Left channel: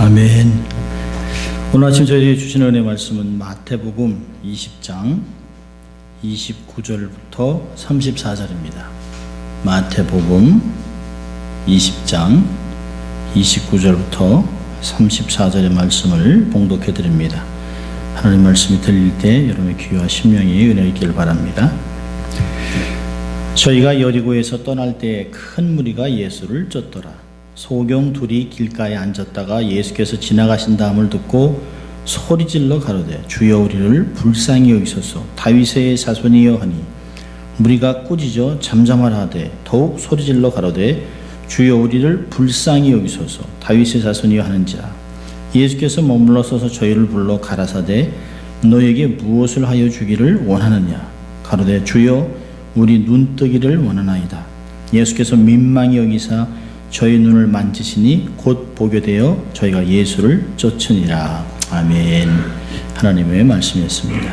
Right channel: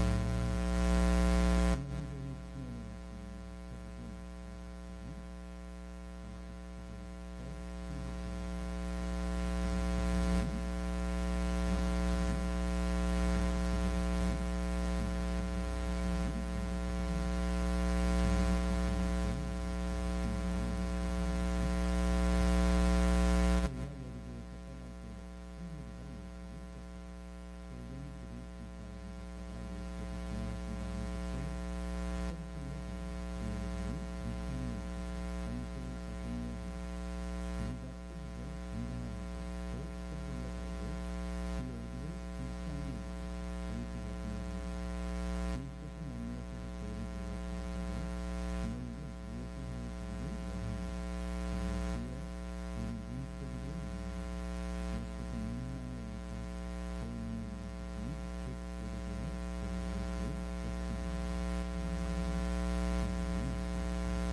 아멘. 오늘 아침 저희에게 주신 은혜 말씀은 마태복음 20장 29절부터 34절입니다. 마태복음 20장 29절부터 34절의 말씀을 봉독해 드립니다. 하나님 말씀이 들릴 때 여러분의 귀와 심령이 은혜 있기를 바랍니다. 저희가 여리고에서 떠날 때 큰 무리가 예수를 쫓더라. 소경 둘이 길가에 앉았다가 예수께서 지나가신다함을 듣고 소리질러 가로되 주여 우리를 불쌍히 여기소서 다윗의 자손이여 하니 무리가 꾸짖어 잠잠하라 하되 더욱 소리질러 가로되 주여 우리를 불쌍히 여기소서 다윗의 자손이여 하는지라. 예수께서 머물러 서서 저희를 불러 가라사대 너에게 무엇을 하여 주기를 원하느냐. 가로되 주여 우리 눈뜨기를 원하나이다. 예수께서 민망히 여기사 저희 눈을 만지시니 곧 보게 되어 저희가 예수를 쫓으니라. 아멘. 하나님의 말씀이었습니다.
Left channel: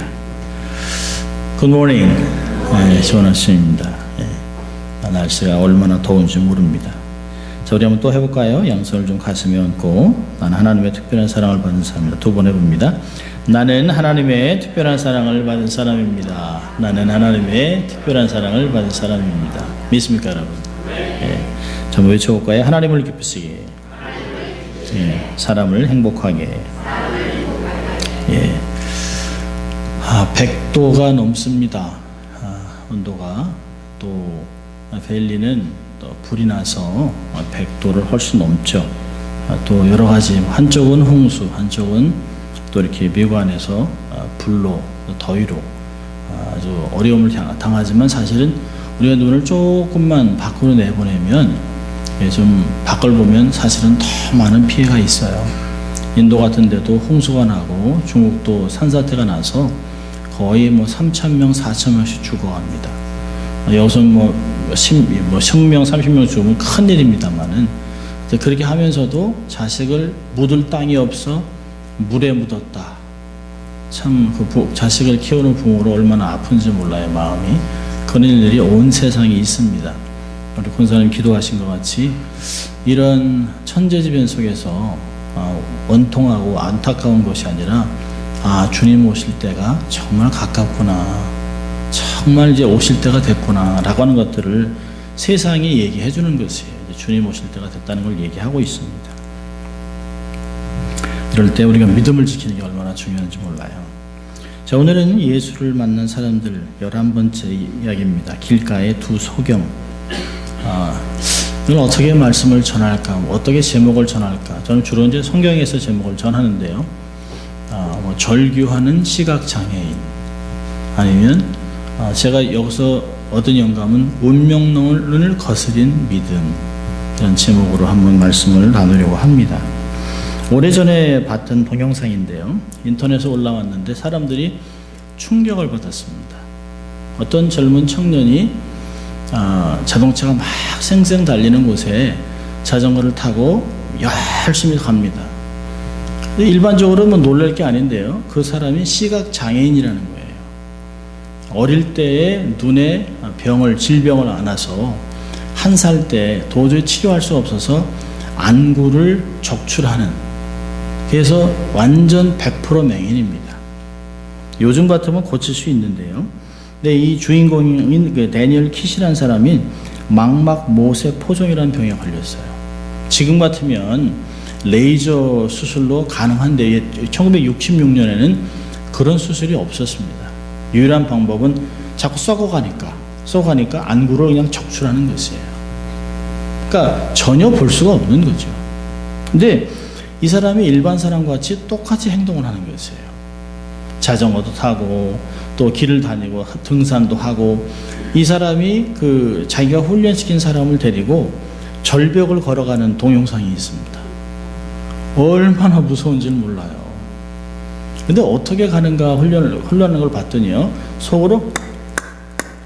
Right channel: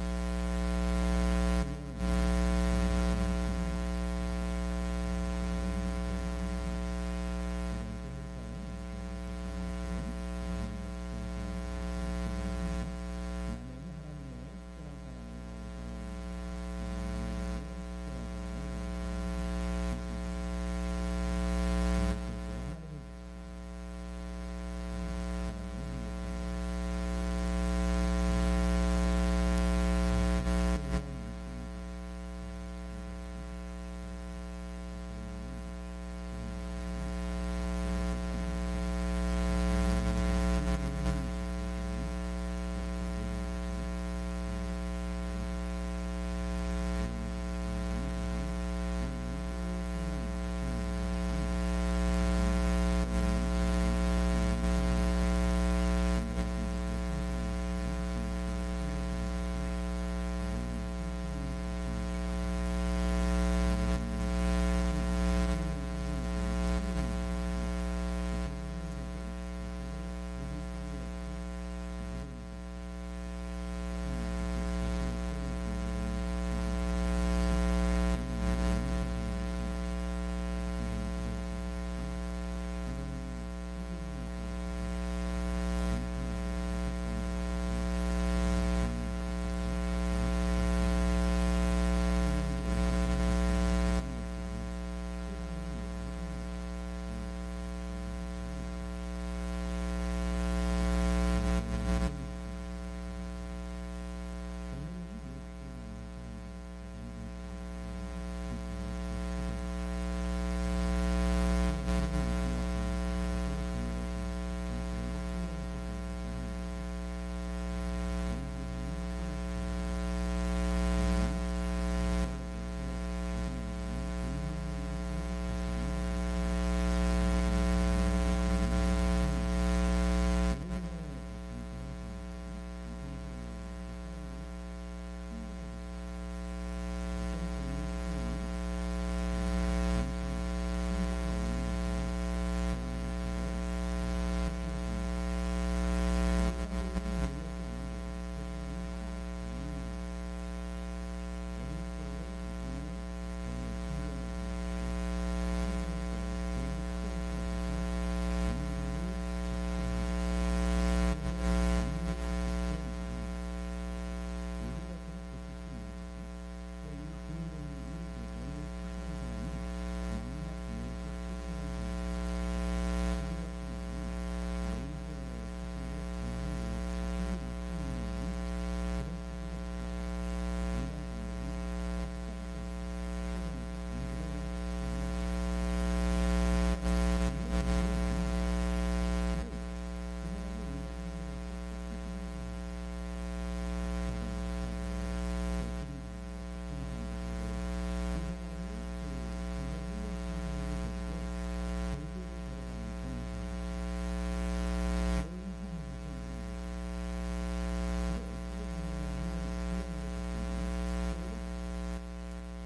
굿모닝. 좋은 아침입니다. 날씨가 얼마나 더운지 모릅니다. 자, 우리 한번 또 해볼까요? 양손을 좀 가슴에 얹고 나는 하나님의 특별한 사랑을 받은 사람입니다. 두 번 해봅니다. 나는 하나님의 특별한 사랑을 받은 사람입니다. 나는 하나님의 특별한 사랑을 받은 사람입니다. 믿습니까 여러분? 한번 외쳐볼까요? 하나님을 기쁘시게, 사람을 행복하게. 100도가 넘습니다. 온도가. 또 벨리는 또 불이 나서 100도를 훨씬 넘죠. 또 여러 가지, 한쪽은 홍수, 한쪽은 또 이렇게 미관에서 불로, 더위로 아주 어려움을 당하지만 사실은 우리가 눈을 조금만 밖으로 내보내면 좀 밖을 보면 사실은 더 많은 피해가 있어요. 인도 같은 데도 홍수가 나고 중국도 산사태가 나서 거의 3,000명, 4,000명씩 죽어갑니다. 여기서 10명, 30명 죽으면 큰일입니다만은 그렇게 하면서도 자식을 묻을 땅이 없어 물에 묻었다. 참 그 자식을 키우는 부모로 얼마나 아픈지 몰라요, 마음이. 그런 일들이 온 세상에 있습니다. 우리 권사님 기도하신 것 같이 이런 천재지변 속에서 원통하고 안타까운 것이 아니라 주님 오실 때가 정말 가깝구나, 정말 이제 오실 때가 됐구나 라고 하는 것들을 세상에 얘기해 주는 것이에요. 주님 오실 때가 됐다는 걸 얘기하고 있습니다. 이럴 때 우리가 믿음을 지키는 게 얼마나 중요한지 몰라요. 자, 오늘은 예수를 만난 사람들 11번째 이야기입니다. 길가의 두 소경. 이건 어떻게 말씀을 전할까, 어떻게 제목을 전할까. 저는 주로 이제 성경에서 제목을 전하는데요. 절규하는 시각장애인, 아니면 제가 여기서 얻은 영감은 운명론을 거스린 믿음, 이런 제목으로 한번 말씀을 나누려고 합니다. 오래전에 봤던 동영상인데요. 인터넷에 올라왔는데 사람들이 충격을 받았습니다. 어떤 젊은 청년이 자동차가 막 쌩쌩 달리는 곳에 자전거를 타고 열심히 갑니다. 근데 일반적으로 놀랄 게 아닌데요. 그 사람이 시각장애인이라는 거예요. 어릴 때에 눈에 질병을 안아서 1살 때 도저히 치료할 수 없어서 안구를 적출하는, 그래서 완전 100% 맹인입니다. 요즘 같으면 고칠 수 있는데요. 근데 이 주인공인 데니얼 킷이라는 사람이 망막 모세 포종이라는 병에 걸렸어요. 지금 같으면 레이저 수술로 가능한데 1966년에는 그런 수술이 없었습니다. 유일한 방법은 자꾸 썩어가니까 안구를 그냥 적출하는 것이에요. 그러니까 전혀 볼 수가 없는 거죠. 근데 이 사람이 일반 사람과 같이 똑같이 행동을 하는 것이에요. 자전거도 타고 또 길을 다니고 등산도 하고, 이 사람이 자기가 훈련시킨 사람을 데리고 절벽을 걸어가는 동영상이 있습니다. 얼마나 무서운지는 몰라요. 근데 어떻게 가는가 훈련하는 걸 봤더니요, 속으로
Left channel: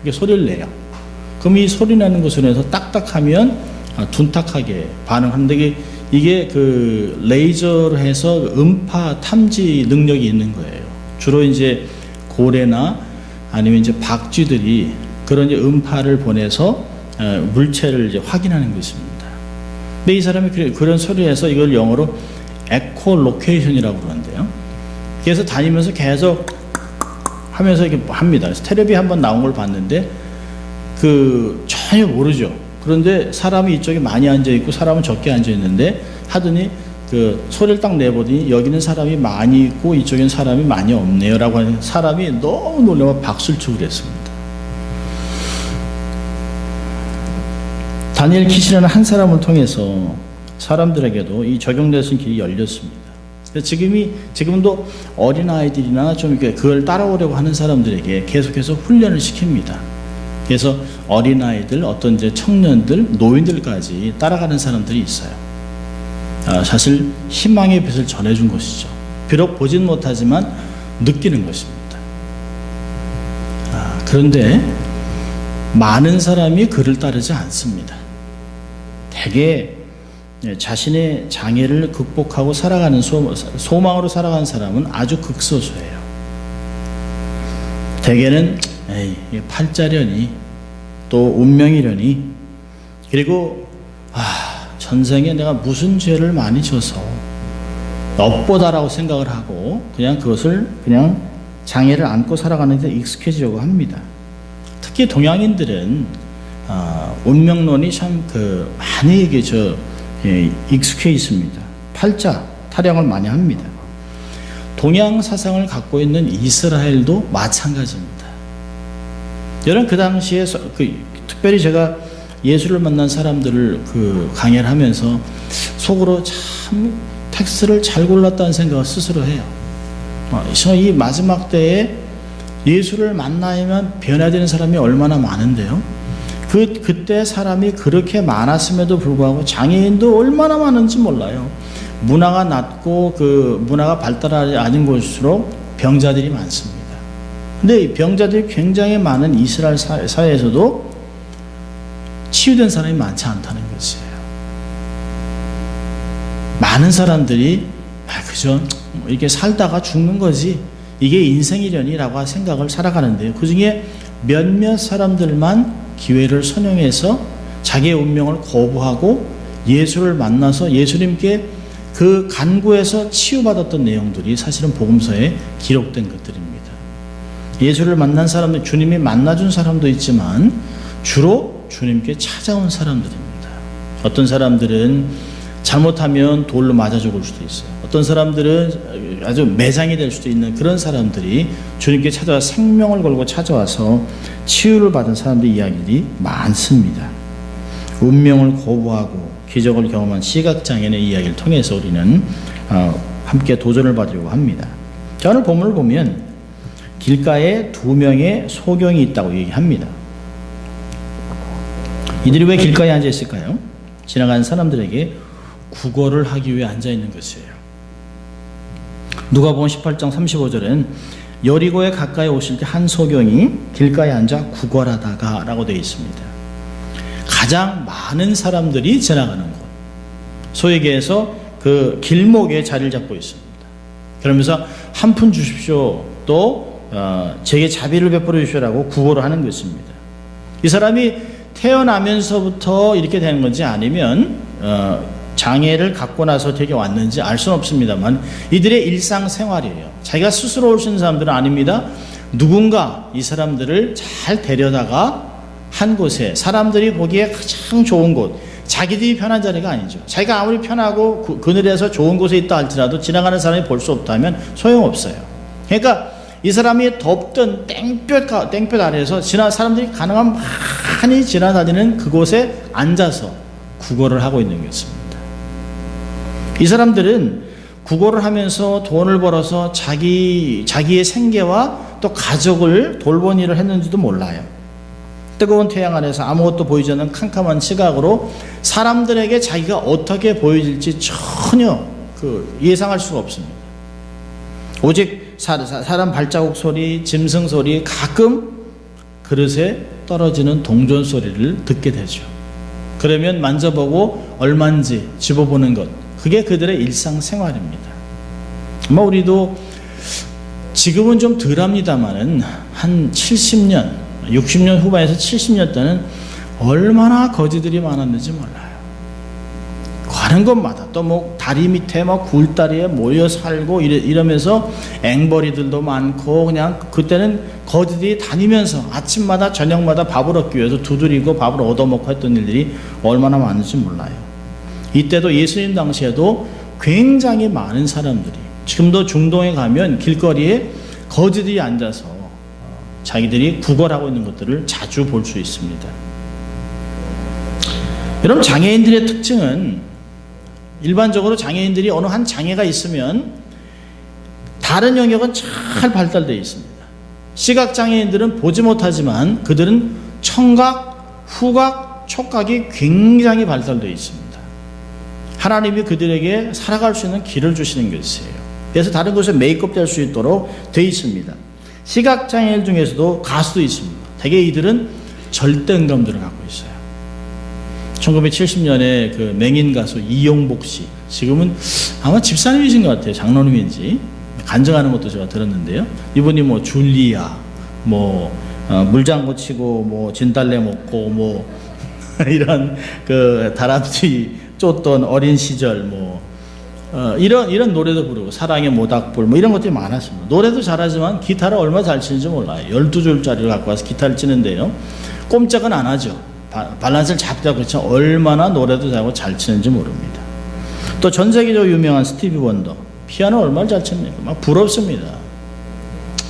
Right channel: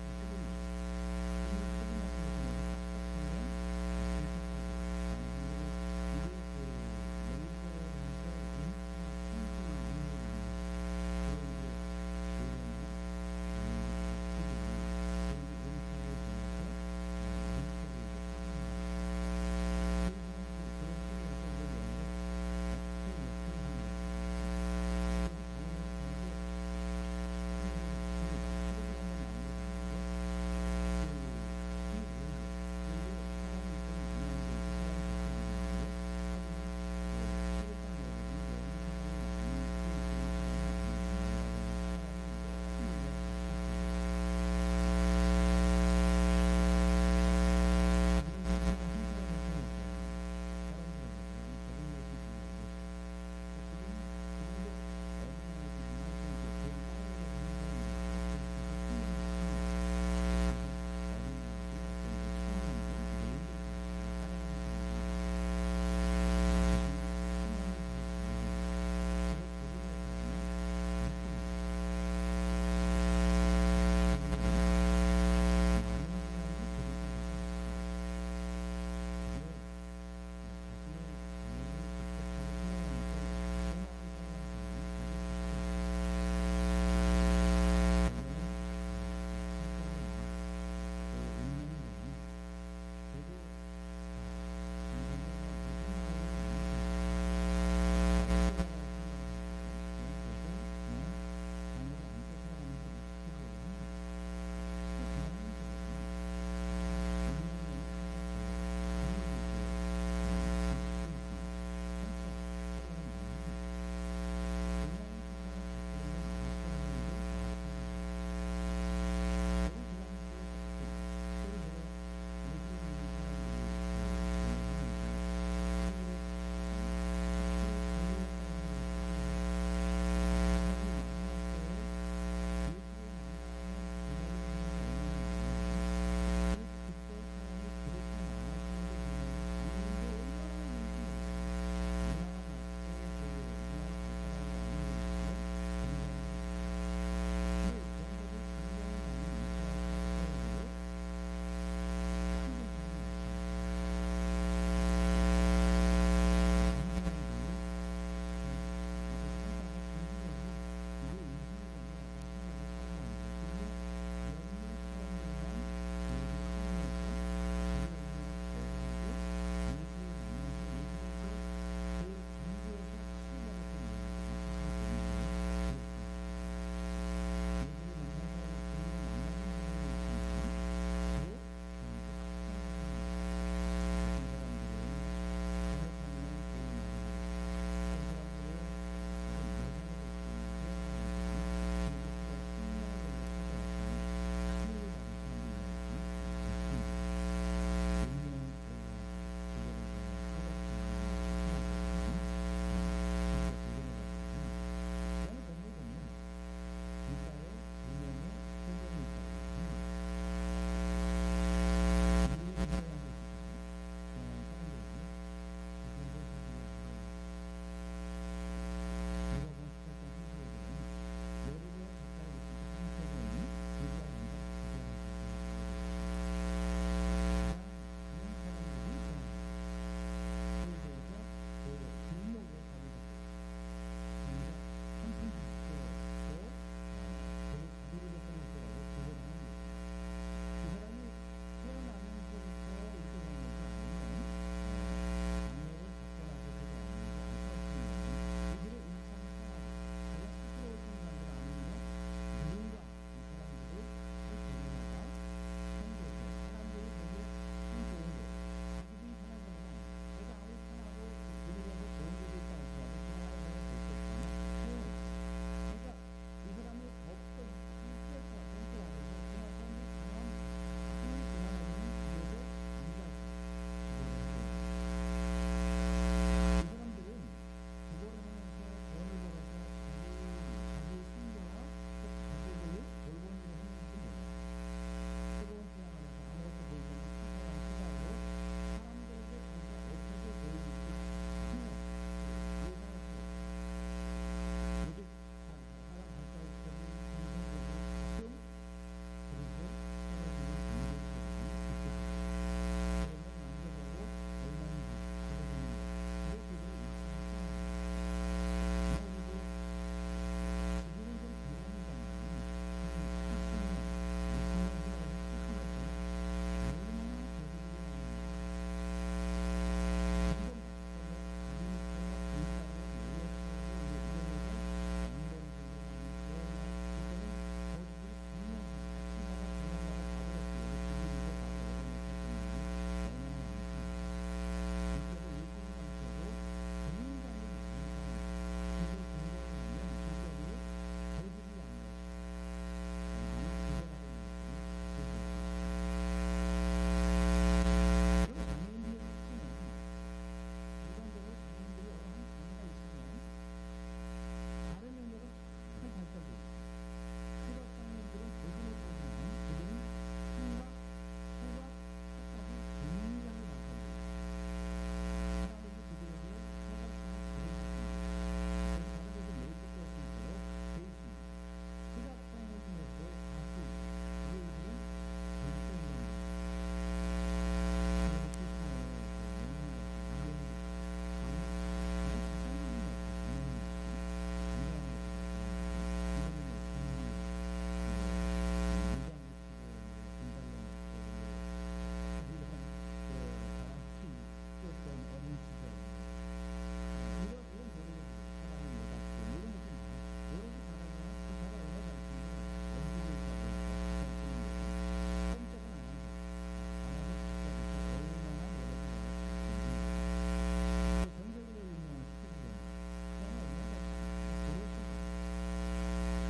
이렇게 소리를 내요. 그럼 이 소리 나는 것을 해서 딱딱하면 둔탁하게 반응하는데, 이게 레이저로 해서 음파 탐지 능력이 있는 거예요. 주로 이제 고래나 아니면 이제 박쥐들이 그런 이제 음파를 보내서 물체를 이제 확인하는 것입니다. 근데 이 사람이 그런 소리에서 이걸 영어로 에코로케이션이라고 그러는데요. 그래서 다니면서 계속 하면서 이렇게 합니다. 그래서 텔레비 한번 나온 걸 봤는데 전혀 모르죠. 그런데 사람이 이쪽에 많이 앉아 있고 사람은 적게 앉아 있는데 하더니 소리를 딱 내보더니 여기는 사람이 많이 있고 이쪽엔 사람이 많이 없네요라고 하는 사람이 너무 놀라서 박수를 치고 그랬습니다. 다니엘 킷이라는 한 사람을 통해서 사람들에게도 이 적용될 수 있는 길이 열렸습니다. 지금도 어린아이들이나 좀 이렇게 그걸 따라오려고 하는 사람들에게 계속해서 훈련을 시킵니다. 그래서 어린아이들, 어떤 이제 청년들, 노인들까지 따라가는 사람들이 있어요. 사실 희망의 빛을 전해준 것이죠. 비록 보진 못하지만 느끼는 것입니다. 그런데 많은 사람이 그를 따르지 않습니다. 대개 자신의 장애를 극복하고 살아가는 소망으로 살아가는 사람은 아주 극소수예요. 대개는 팔자려니 또 운명이려니 그리고 전생에 내가 무슨 죄를 많이 져서 업보다라고 생각을 하고 그냥 그것을 그냥 장애를 안고 살아가는 데 익숙해지려고 합니다. 특히 동양인들은 운명론이 참 많이 익숙해 있습니다. 팔자 타령을 많이 합니다. 동양 사상을 갖고 있는 이스라엘도 마찬가지입니다. 여러분 그 당시에 특별히 제가 예수를 만난 사람들을 강의를 하면서 속으로 참 텍스트를 잘 골랐다는 생각을 스스로 해요. 이 마지막 때에 예수를 만나야만 변화되는 사람이 얼마나 많은데요. 그때 사람이 그렇게 많았음에도 불구하고 장애인도 얼마나 많은지 몰라요. 문화가 낮고 문화가 발달하지 않은 곳일수록 병자들이 많습니다. 근데 이 병자들이 굉장히 많은 이스라엘 사회에서도 치유된 사람이 많지 않다는 것이에요. 많은 사람들이 그저 이렇게 살다가 죽는 거지 이게 인생이려니라고 생각을 살아가는데요. 그 중에 몇몇 사람들만 기회를 선용해서 자기의 운명을 거부하고 예수를 만나서 예수님께 그 간구에서 치유받았던 내용들이 사실은 복음서에 기록된 것들입니다. 예수를 만난 사람들, 주님이 만나준 사람도 있지만 주로 주님께 찾아온 사람들입니다. 어떤 사람들은 잘못하면 돌로 맞아 죽을 수도 있어요. 어떤 사람들은 아주 매장이 될 수도 있는 그런 사람들이 주님께 찾아와 생명을 걸고 찾아와서 치유를 받은 사람들의 이야기들이 많습니다. 운명을 거부하고 기적을 경험한 시각장애인의 이야기를 통해서 우리는 함께 도전을 받으려고 합니다. 자, 오늘 본문을 보면 길가에 2명의 소경이 있다고 얘기합니다. 이들이 왜 길가에 앉아 있을까요? 지나가는 사람들에게 구걸을 하기 위해 앉아 있는 것이에요. 누가복음 18장 35절엔 여리고에 가까이 오실 때 한 소경이 길가에 앉아 구걸하다가 라고 되어 있습니다. 가장 많은 사람들이 지나가는 곳, 소위 얘기해서 그 길목에 자리를 잡고 있습니다. 그러면서 한 푼 주십시오, 또 제게 자비를 베풀어 주시라고 구걸을 하는 것입니다. 이 사람이 태어나면서부터 이렇게 되는 건지 아니면 장애를 갖고 나서 되게 왔는지 알 수는 없습니다만 이들의 일상생활이에요. 자기가 스스로 올 수 있는 사람들은 아닙니다. 누군가 이 사람들을 잘 데려다가 한 곳에 사람들이 보기에 가장 좋은 곳, 자기들이 편한 자리가 아니죠. 자기가 아무리 편하고 그늘에서 좋은 곳에 있다 할지라도 지나가는 사람이 볼 수 없다면 소용없어요. 그러니까 이 사람이 덥던 땡볕 아래에서 사람들이 가능한 많이 지나다니는 그곳에 앉아서 구걸을 하고 있는 것입니다. 이 사람들은 구걸을 하면서 돈을 벌어서 자기의 생계와 또 가족을 돌본 일을 했는지도 몰라요. 뜨거운 태양 아래서 아무것도 보이지 않는 캄캄한 시각으로 사람들에게 자기가 어떻게 보여질지 전혀 예상할 수가 없습니다. 오직 사람 발자국 소리, 짐승 소리, 가끔 그릇에 떨어지는 동전 소리를 듣게 되죠. 그러면 만져보고 얼마인지 집어보는 것, 그게 그들의 일상생활입니다. 아마 우리도 지금은 좀 덜합니다만은 한 70년, 60년 후반에서 70년 때는 얼마나 거지들이 많았는지 몰라요. 가는 곳마다 또 뭐 다리 밑에 막 굴다리에 모여 살고 이러면서 앵벌이들도 많고 그냥 그때는 거지들이 다니면서 아침마다 저녁마다 밥을 얻기 위해서 두드리고 밥을 얻어먹고 했던 일들이 얼마나 많은지 몰라요. 이때도 예수님 당시에도 굉장히 많은 사람들이, 지금도 중동에 가면 길거리에 거지들이 앉아서 자기들이 구걸하고 있는 것들을 자주 볼 수 있습니다. 여러분, 장애인들의 특징은 일반적으로 장애인들이 어느 한 장애가 있으면 다른 영역은 잘 발달되어 있습니다. 시각장애인들은 보지 못하지만 그들은 청각, 후각, 촉각이 굉장히 발달되어 있습니다. 하나님이 그들에게 살아갈 수 있는 길을 주시는 것이에요. 그래서 다른 곳에 메이크업 될 수 있도록 되어 있습니다. 시각장애인 중에서도 가수도 있습니다. 대개 이들은 절대음감들을 갖고 있어요. 1970년에 그 맹인 가수 이용복 씨, 지금은 아마 집사님이신 것 같아요. 장로님인지 간증하는 것도 제가 들었는데요. 이분이 뭐 줄리아, 뭐 물장구 치고 뭐 진달래 먹고 뭐 이런 그 다람쥐 쫓던 어린 시절 뭐 이런 노래도 부르고 사랑의 모닥불 뭐 이런 것들이 많았습니다. 노래도 잘하지만 기타를 얼마나 잘 치는지 몰라요. 12줄짜리를 갖고 와서 기타를 치는데요, 꼼짝은 안 하죠. 밸런스를 잡다 그렇죠. 얼마나 노래도 잘하고 잘 치는지 모릅니다. 또 전 세계적으로 유명한 스티비 원더, 피아노 얼마나 잘 칩니까? 막 부럽습니다.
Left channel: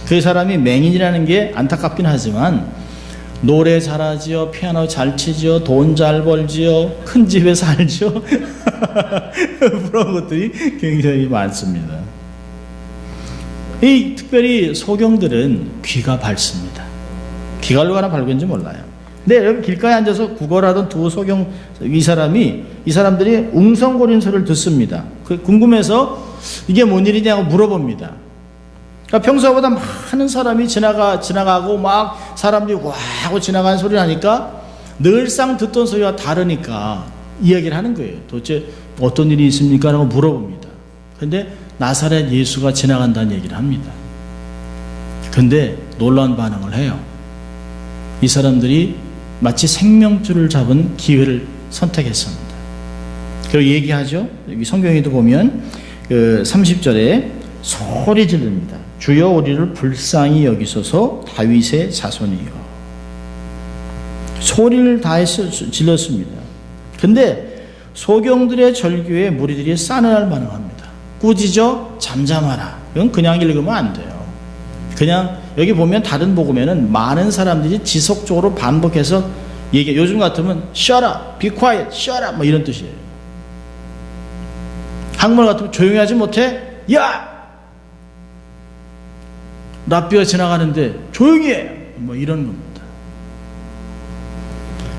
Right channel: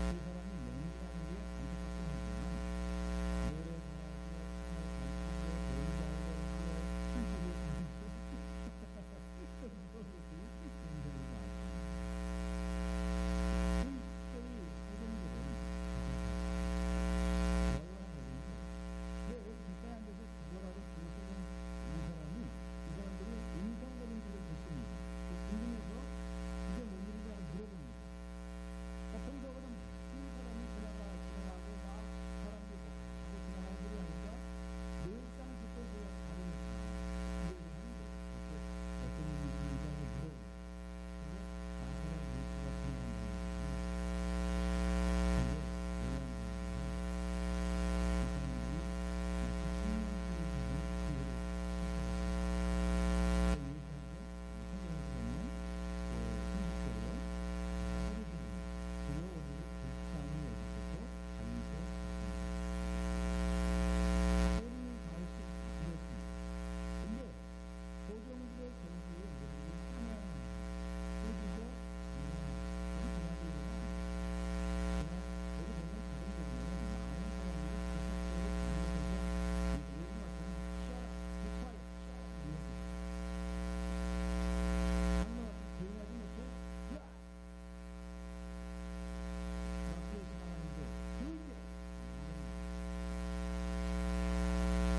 그 사람이 맹인이라는 게 안타깝긴 하지만 노래 잘하지요, 피아노 잘 치지요, 돈 잘 벌지요, 큰 집에 살지요. 그런 것들이 굉장히 많습니다. 이 특별히 소경들은 귀가 밝습니다. 귀가 얼마나 밝은지 몰라요. 근데 여러분, 길가에 앉아서 구걸하던 두 소경 이 사람들이 웅성거리는 소리를 듣습니다. 궁금해서 이게 뭔 일이냐고 물어봅니다. 그러니까 평소보다 많은 사람이 지나가고 막 사람들이 와 하고 지나가는 소리를 하니까 늘상 듣던 소리와 다르니까 이야기를 하는 거예요. 도대체 어떤 일이 있습니까? 라고 물어봅니다. 근데 나사렛 예수가 지나간다는 얘기를 합니다. 근데 놀라운 반응을 해요. 이 사람들이 마치 생명줄을 잡은 기회를 선택했습니다. 그리고 얘기하죠. 여기 성경에도 보면 그 30절에 소리 지릅니다. 주여 우리를 불쌍히 여기소서 다윗의 자손이요. 소리를 다해서 질렀습니다. 근데 소경들의 절규에 무리들이 싸늘할 반응합니다. 꾸짖어 잠잠하라. 이건 그냥 읽으면 안 돼요. 그냥 여기 보면 다른 복음에는 많은 사람들이 지속적으로 반복해서 얘기해. 요즘 같으면 shut up, be quiet, shut up 뭐 이런 뜻이에요. 한국말 같으면 조용히 하지 못해? 야! 랍비가 지나가는데 조용히 해! 뭐 이런 겁니다.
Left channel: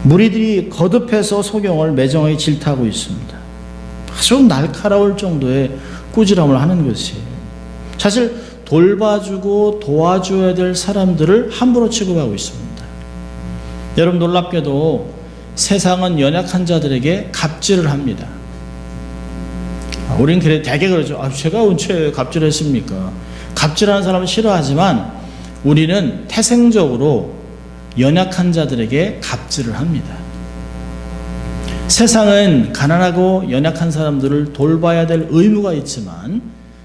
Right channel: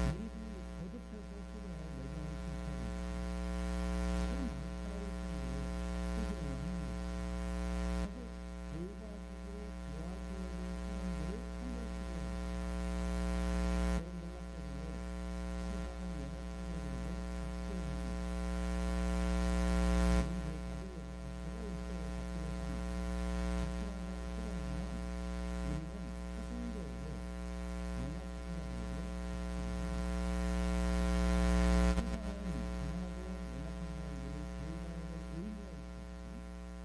무리들이 거듭해서 소경을 매정하게 질타하고 있습니다. 아주 날카로울 정도의 꾸지람을 하는 것이에요. 사실 돌봐주고 도와줘야 될 사람들을 함부로 취급하고 있습니다. 여러분, 놀랍게도 세상은 연약한 자들에게 갑질을 합니다. 우리는 대개 그러죠. 제가 언제 갑질했습니까? 갑질하는 사람은 싫어하지만 우리는 태생적으로 연약한 자들에게 갑질을 합니다. 세상은 가난하고 연약한 사람들을 돌봐야 될 의무가 있지만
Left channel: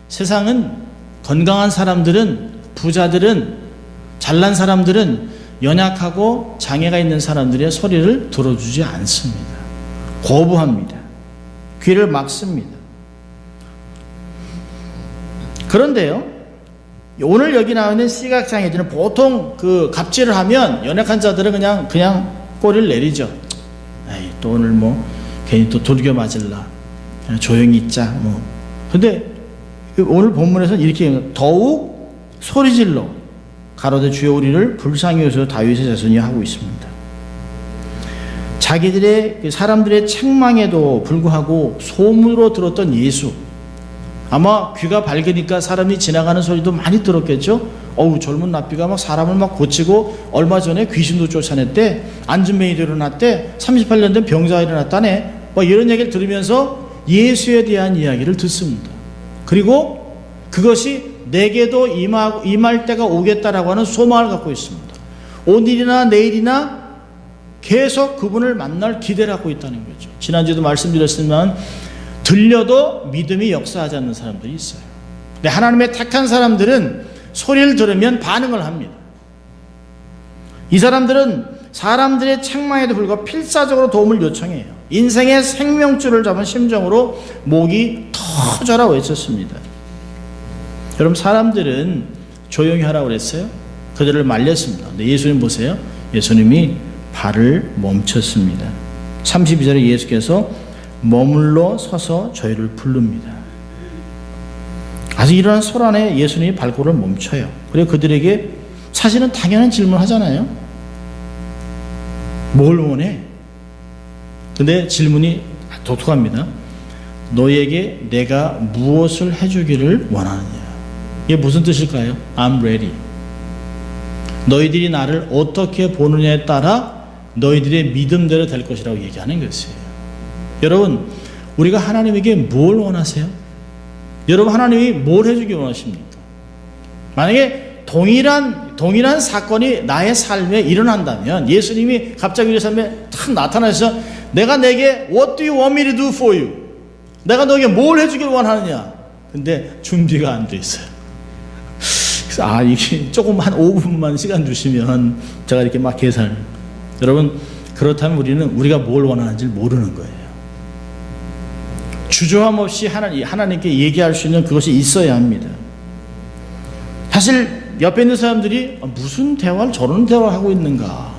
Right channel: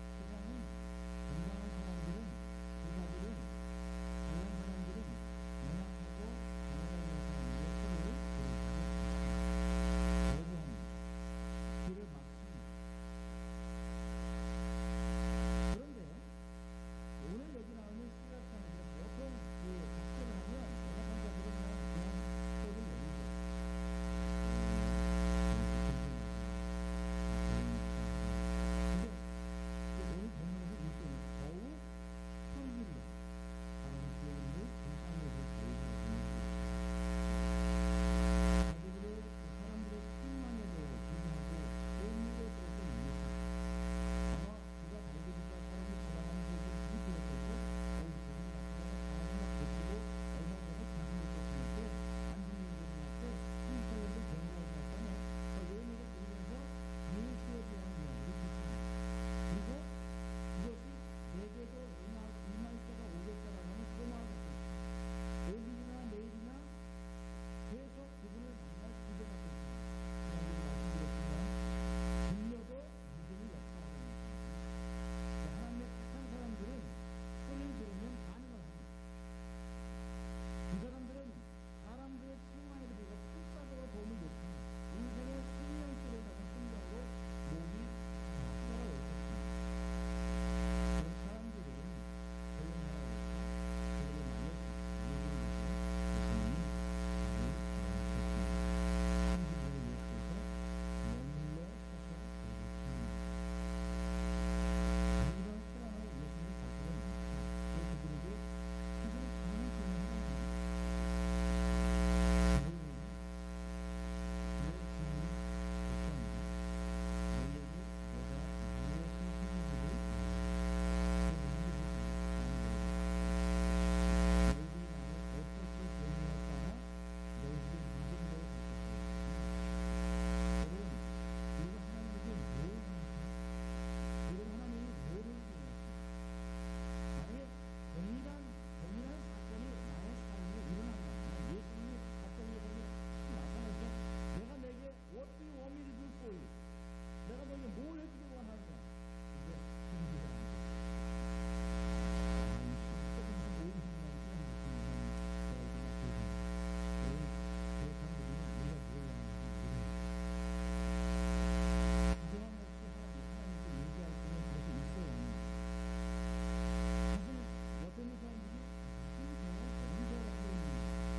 세상은 건강한 사람들은, 부자들은, 잘난 사람들은 연약하고 장애가 있는 사람들의 소리를 들어주지 않습니다. 거부합니다. 귀를 막습니다. 그런데요, 오늘 여기 나와 있는 시각장애인들은 보통 그 갑질을 하면 연약한 자들은 그냥 꼬리를 내리죠. 에이, 또 오늘 뭐 괜히 또 돌겨 맞을라, 조용히 있자 뭐. 근데 오늘 본문에서는 이렇게 더욱 소리질러 가로되 주여 우리를 불쌍히 여기소서 다윗의 자손이 하고 있습니다. 자기들의 사람들의 책망에도 불구하고 소문으로 들었던 예수, 아마 귀가 밝으니까 사람이 지나가는 소리도 많이 들었겠죠. 젊은 랍비가 막 사람을 막 고치고 얼마 전에 귀신도 쫓아냈대, 안진뱅이도 일어났대, 38년 된 병자가 일어났다네, 이런 얘기를 들으면서 예수에 대한 이야기를 듣습니다. 그리고 그것이 내게도 임할 때가 오겠다라고 하는 소망을 갖고 있습니다. 오늘이나 내일이나 계속 그분을 만날 기대를 갖고 있다는 거죠. 지난주에도 말씀드렸지만 들려도 믿음이 역사하지 않는 사람들이 있어요. 근데 하나님의 택한 사람들은 소리를 들으면 반응을 합니다. 이 사람들은 사람들의 책망에도 불구하고 필사적으로 도움을 요청해요. 인생의 생명줄을 잡은 심정으로 목이 터져라 외쳤습니다. 여러분, 사람들은 조용히 하라고 그랬어요. 그들을 말렸습니다. 근데 예수님 보세요. 예수님이 발을 멈췄습니다. 32절에 예수께서 머물러 서서 저희를 부릅니다. 아직 일어난 소란에 예수님이 발걸음을 멈춰요. 그리고 그들에게 사실은 당연한 질문을 하잖아요. 뭘 원해? 근데 질문이 독특합니다. 너에게 내가 무엇을 해주기를 원하느냐? 이게 무슨 뜻일까요? I'm ready. 너희들이 나를 어떻게 보느냐에 따라 너희들의 믿음대로 될 것이라고 얘기하는 것이에요. 여러분, 우리가 하나님에게 뭘 원하세요? 여러분, 하나님이 뭘 해주기 원하십니까? 만약에 동일한 사건이 나의 삶에 일어난다면, 예수님이 갑자기 우리 삶에 탁 나타나셔서 내가 내게 What do you want me to do for you? 내가 너에게 뭘 해주길 원하느냐? 근데 준비가 안 돼 있어요. 그래서 이게 조금 한 5분만 시간 주시면 제가 이렇게 막 계산. 여러분, 그렇다면 우리가 뭘 원하는지 모르는 거예요. 주저함 없이 하나님께 얘기할 수 있는 그것이 있어야 합니다. 사실 옆에 있는 사람들이 무슨 대화를 저런 대화를 하고 있는가.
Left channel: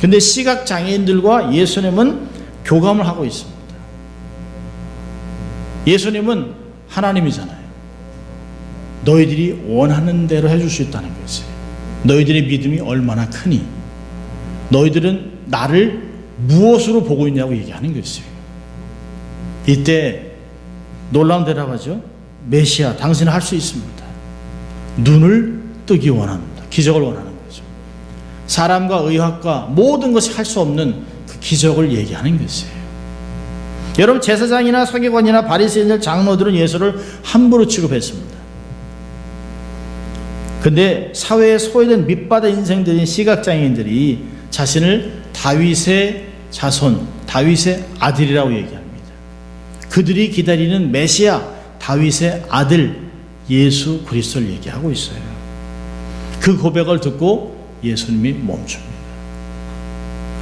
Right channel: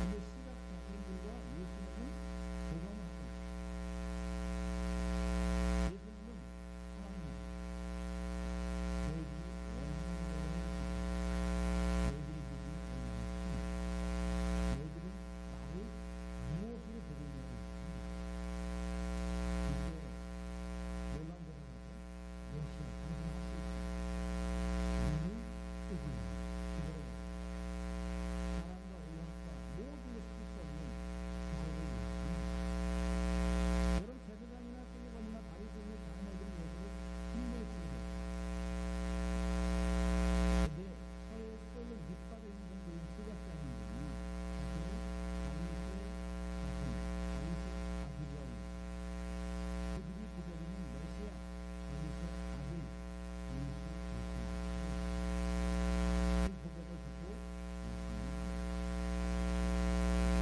근데 시각장애인들과 예수님은 교감을 하고 있습니다. 예수님은 하나님이잖아요. 너희들이 원하는 대로 해줄 수 있다는 거지. 너희들의 믿음이 얼마나 크니? 너희들은 나를 무엇으로 보고 있냐고 얘기하는 것이에요. 이때 놀라운 대답하죠. 메시아, 당신은 할 수 있습니다. 눈을 뜨기 원합니다. 기적을 원하는 거죠. 사람과 의학과 모든 것이 할 수 없는 그 기적을 얘기하는 것이에요. 여러분, 제사장이나 서기관이나 바리새인들, 장로들은 예수를 함부로 취급했습니다. 근데 사회에 소외된 밑바닥 인생들인 시각장애인들이 자신을 다윗의 자손, 다윗의 아들이라고 얘기합니다. 그들이 기다리는 메시아, 다윗의 아들 예수 그리스도를 얘기하고 있어요. 그 고백을 듣고 예수님이 멈춥니다.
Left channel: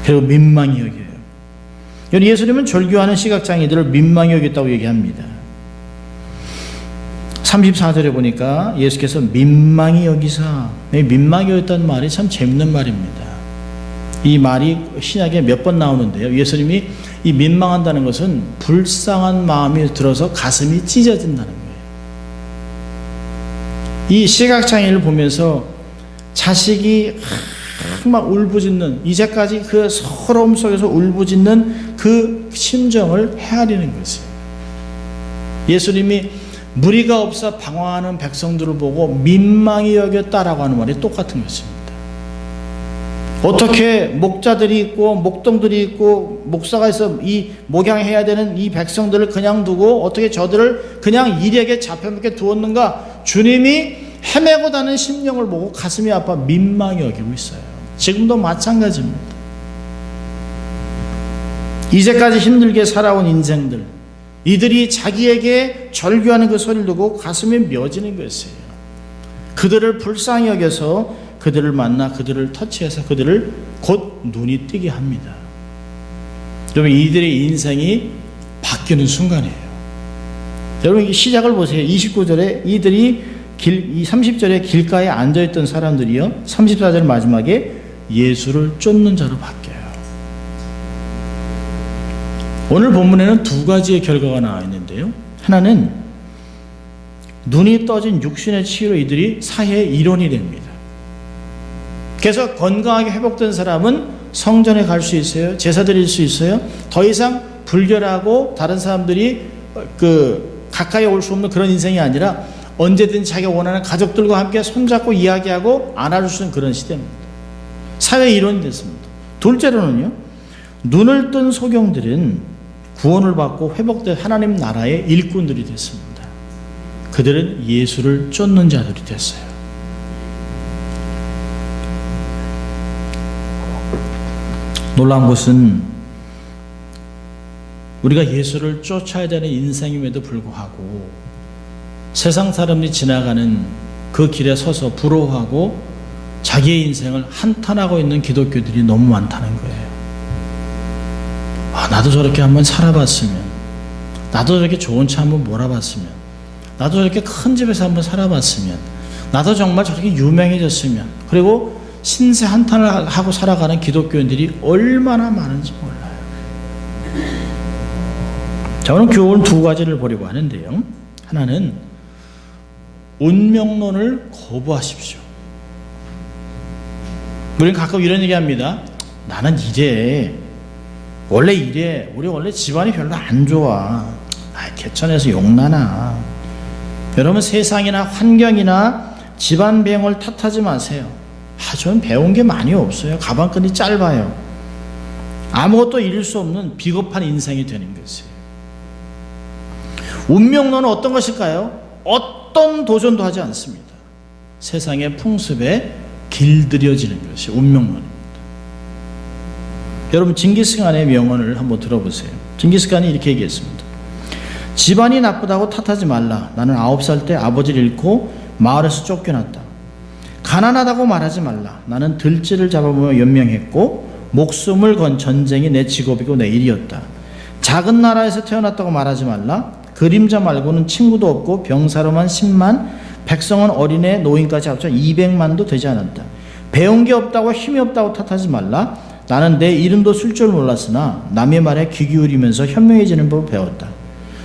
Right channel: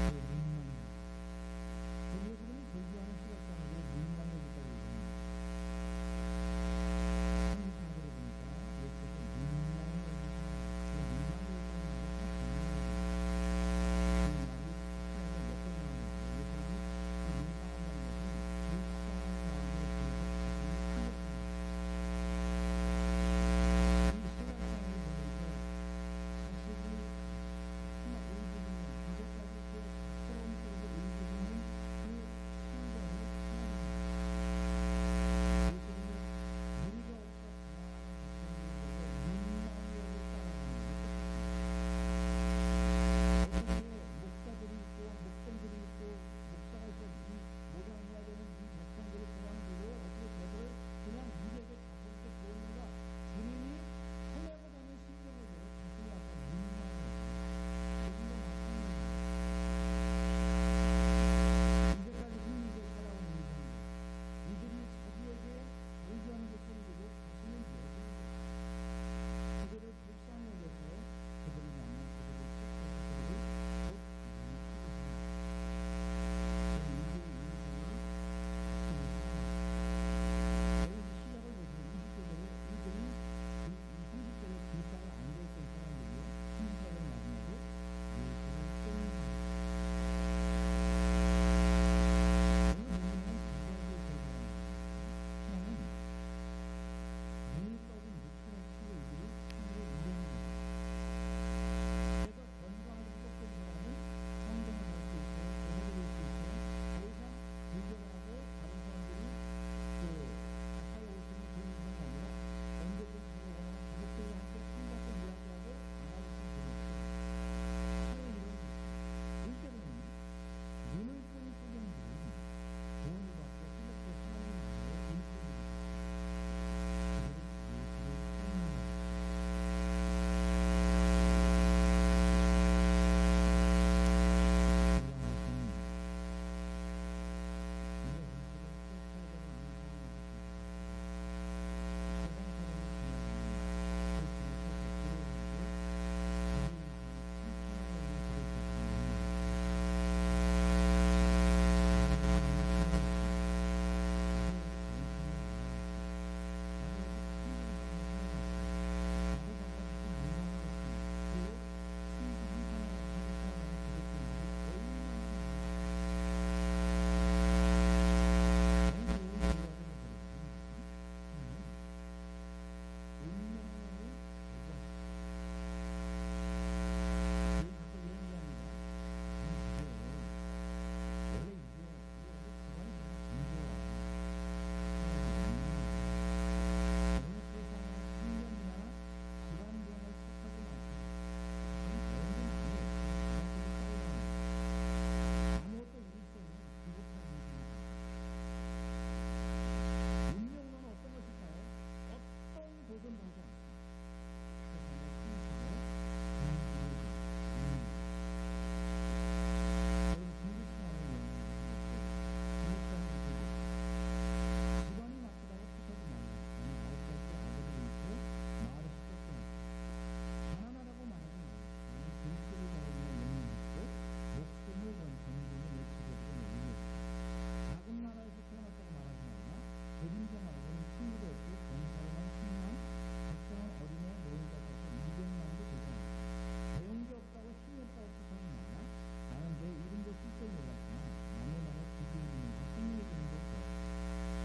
그리고 민망히 여겨요. 예수님은 절규하는 시각장애인들을 민망히 여겼다고 얘기합니다. 34절에 보니까 예수께서 민망히 여기사, 민망히 여겼다는 말이 참 재밌는 말입니다. 이 말이 신약에 몇 번 나오는데요. 예수님이 이 민망한다는 것은 불쌍한 마음이 들어서 가슴이 찢어진다는 거예요. 이 시각장애인을 보면서 자식이 막 울부짖는, 이제까지 그 서러움 속에서 울부짖는 그 심정을 헤아리는 것이에요. 예수님이 무리가 없어 방황하는 백성들을 보고 민망히 여겼다라고 하는 말이 똑같은 것입니다. 어떻게 목자들이 있고 목동들이 있고 목사가 있어 이 목양해야 되는 이 백성들을 그냥 두고 어떻게 저들을 그냥 일에게 잡혀먹게 두었는가? 주님이 헤매고 다는 심령을 보고 가슴이 아파 민망히 여기고 있어요. 지금도 마찬가지입니다. 이제까지 힘들게 살아온 인생들, 이들이 자기에게 절규하는 그 소리를 듣고 가슴이 맺어지는 것이에요. 그들을 불쌍히 여겨서 그들을 만나 그들을 터치해서 그들을 곧 눈이 뜨게 합니다. 여러분, 이들의 인생이 바뀌는 순간이에요. 여러분, 이 시작을 보세요. 29절에 이들이 이 30절에 길가에 앉아있던 사람들이요, 34절 마지막에 예수를 쫓는 자로 바뀌어요. 오늘 본문에는 두 가지의 결과가 나와 있는데요. 하나는 눈이 떠진 육신의 치유로 이들이 사회의 일원이 됩니다. 그래서 건강하게 회복된 사람은 성전에 갈 수 있어요. 제사 드릴 수 있어요. 더 이상 불결하고 다른 사람들이 가까이 올 수 없는 그런 인생이 아니라 언제든지 자기가 원하는 가족들과 함께 손잡고 이야기하고 안아줄 수 있는 그런 시대입니다. 사회의 일원이 됐습니다. 둘째로는요, 눈을 뜬 소경들은 구원을 받고 회복된 하나님 나라의 일꾼들이 됐습니다. 그들은 예수를 쫓는 자들이 됐어요. 놀라운 것은 우리가 예수를 쫓아야 되는 인생임에도 불구하고 세상 사람들이 지나가는 그 길에 서서 부러워하고 자기의 인생을 한탄하고 있는 기독교들이 너무 많다는 거예요. 나도 저렇게 한번 살아봤으면, 나도 저렇게 좋은 차 한번 몰아봤으면, 나도 저렇게 큰 집에서 한번 살아봤으면, 나도 정말 저렇게 유명해졌으면, 그리고 신세 한탄을 하고 살아가는 기독교인들이 얼마나 많은지 몰라요. 자, 오늘 교훈 두 가지를 보려고 하는데요. 하나는 운명론을 거부하십시오. 우리는 가끔 이런 얘기합니다. 나는 이래, 원래 이래, 우리 원래 집안이 별로 안 좋아, 개천에서 용나나. 여러분, 세상이나 환경이나 집안 배경을 탓하지 마세요. 저는 배운 게 많이 없어요. 가방끈이 짧아요. 아무것도 잃을 수 없는 비겁한 인생이 되는 것이에요. 운명론은 어떤 것일까요? 어떤 도전도 하지 않습니다. 세상의 풍습에 길들여지는 것이 운명론입니다. 여러분, 징기스칸의 명언을 한번 들어보세요. 징기스칸이 이렇게 얘기했습니다. 집안이 나쁘다고 탓하지 말라. 나는 9살 때 아버지를 잃고 마을에서 쫓겨났다. 가난하다고 말하지 말라. 나는 들쥐를 잡아보며 연명했고 목숨을 건 전쟁이 내 직업이고 내 일이었다. 작은 나라에서 태어났다고 말하지 말라. 그림자 말고는 친구도 없고 병사로만 10만, 백성은 어린애 노인까지 합쳐 200만도 되지 않았다. 배운 게 없다고 힘이 없다고 탓하지 말라. 나는 내 이름도 쓸 줄 몰랐으나 남의 말에 귀 기울이면서 현명해지는 법을 배웠다.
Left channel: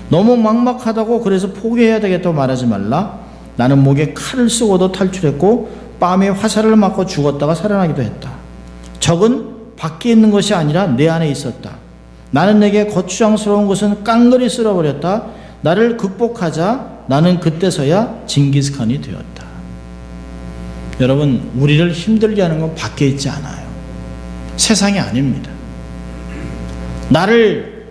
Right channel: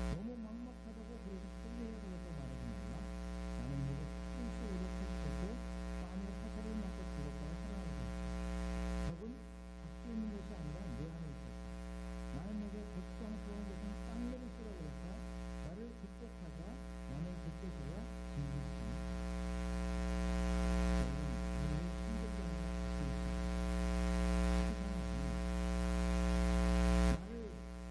너무 막막하다고 그래서 포기해야 되겠다고 말하지 말라. 나는 목에 칼을 쓰고도 탈출했고 뺨에 화살을 맞고 죽었다가 살아나기도 했다. 적은 밖에 있는 것이 아니라 내 안에 있었다. 나는 내게 거추장스러운 것은 깡그리 쓸어버렸다. 나를 극복하자. 나는 그때서야 징기스칸이 되었다. 여러분, 우리를 힘들게 하는 건 밖에 있지 않아요. 세상이 아닙니다. 나를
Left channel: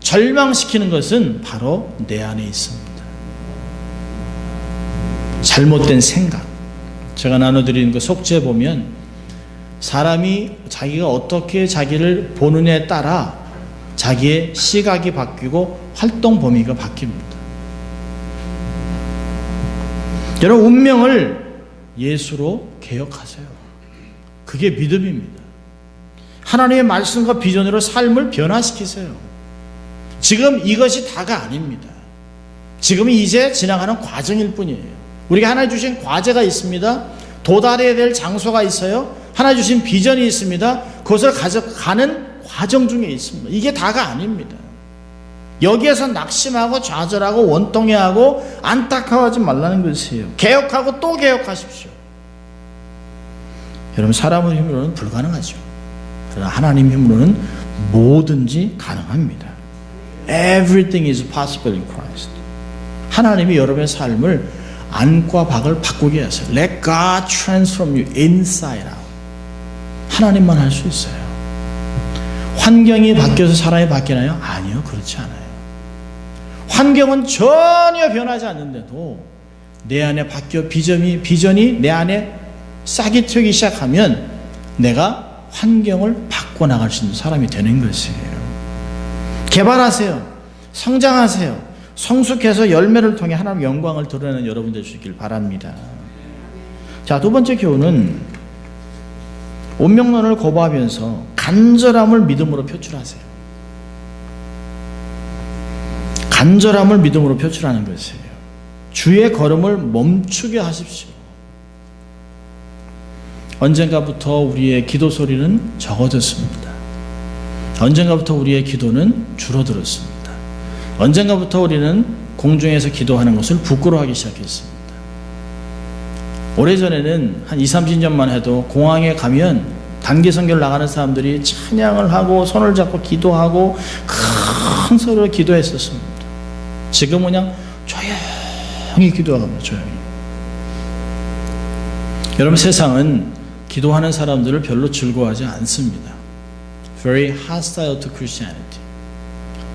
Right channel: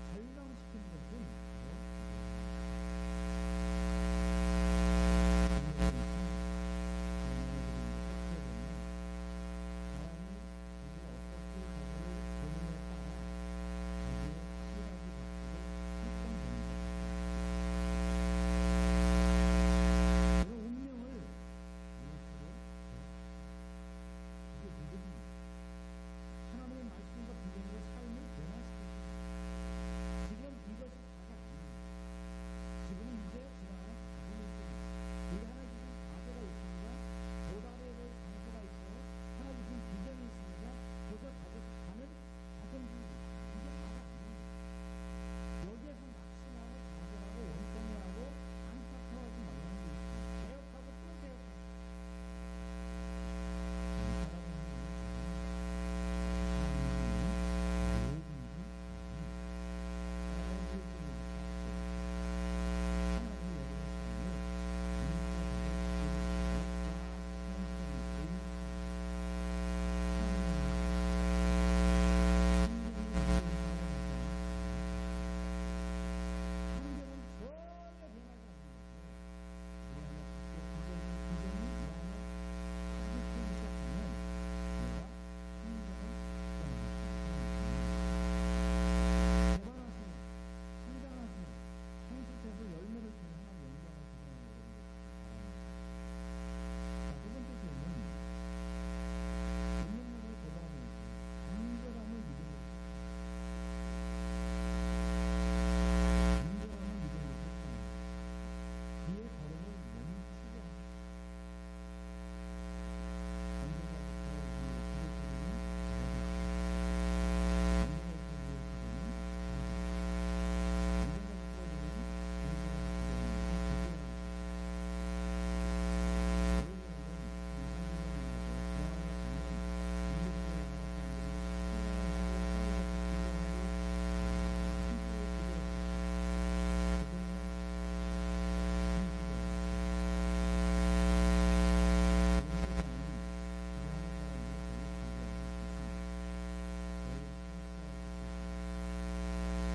절망시키는 것은 바로 내 안에 있습니다. 잘못된 생각. 제가 나눠드리는 그 속죄에 보면 사람이 자기가 어떻게 자기를 보느냐에 따라 자기의 시각이 바뀌고 활동 범위가 바뀝니다. 여러분, 운명을 예수로 개혁하세요. 그게 믿음입니다. 하나님의 말씀과 비전으로 삶을 변화시키세요. 지금 이것이 다가 아닙니다. 지금이 이제 지나가는 과정일 뿐이에요. 우리가 하나님 주신 과제가 있습니다. 도달해야 될 장소가 있어요. 하나님 주신 비전이 있습니다. 그것을 가져가는 과정 중에 있습니다. 이게 다가 아닙니다. 여기에서 낙심하고 좌절하고 원통해하고 안타까워하지 말라는 것이에요. 개혁하고 또 개혁하십시오. 여러분, 사람의 힘으로는 불가능하죠. 그러나 하나님 힘으로는 뭐든지 가능합니다. Everything is possible in Christ. 하나님이 여러분의 삶을 안과 밖을 바꾸게 하세요. Let God transform you inside out. 하나님만 할 수 있어요. 환경이 바뀌어서 사람이 바뀌나요? 아니요, 그렇지 않아요. 환경은 전혀 변하지 않는데도 내 안에 바뀌어 비전이 내 안에 싹이 트기 시작하면 내가 환경을 바꿔나갈 수 있는 사람이 되는 것이에요. 개발하세요. 성장하세요. 성숙해서 열매를 통해 하나님의 영광을 드러내는 여러분 되시길 바랍니다. 자, 두 번째 교훈은 운명론을 거부하면서 간절함을 믿음으로 표출하세요. 간절함을 믿음으로 표출하는 것이에요. 주의 걸음을 멈추게 하십시오. 언젠가부터 우리의 기도 소리는 적어졌습니다. 언젠가부터 우리의 기도는 줄어들었습니다. 언젠가부터 우리는 공중에서 기도하는 것을 부끄러워하기 시작했습니다. 오래전에는 한 20-30년만 해도 공항에 가면 단기 선교를 나가는 사람들이 찬양을 하고 손을 잡고 기도하고 큰 소리로 기도했었습니다. 지금은 그냥 조용히 기도합니다. 조용히. 여러분, 세상은 기도하는 사람들을 별로 즐거워하지 않습니다. Very hostile to Christianity.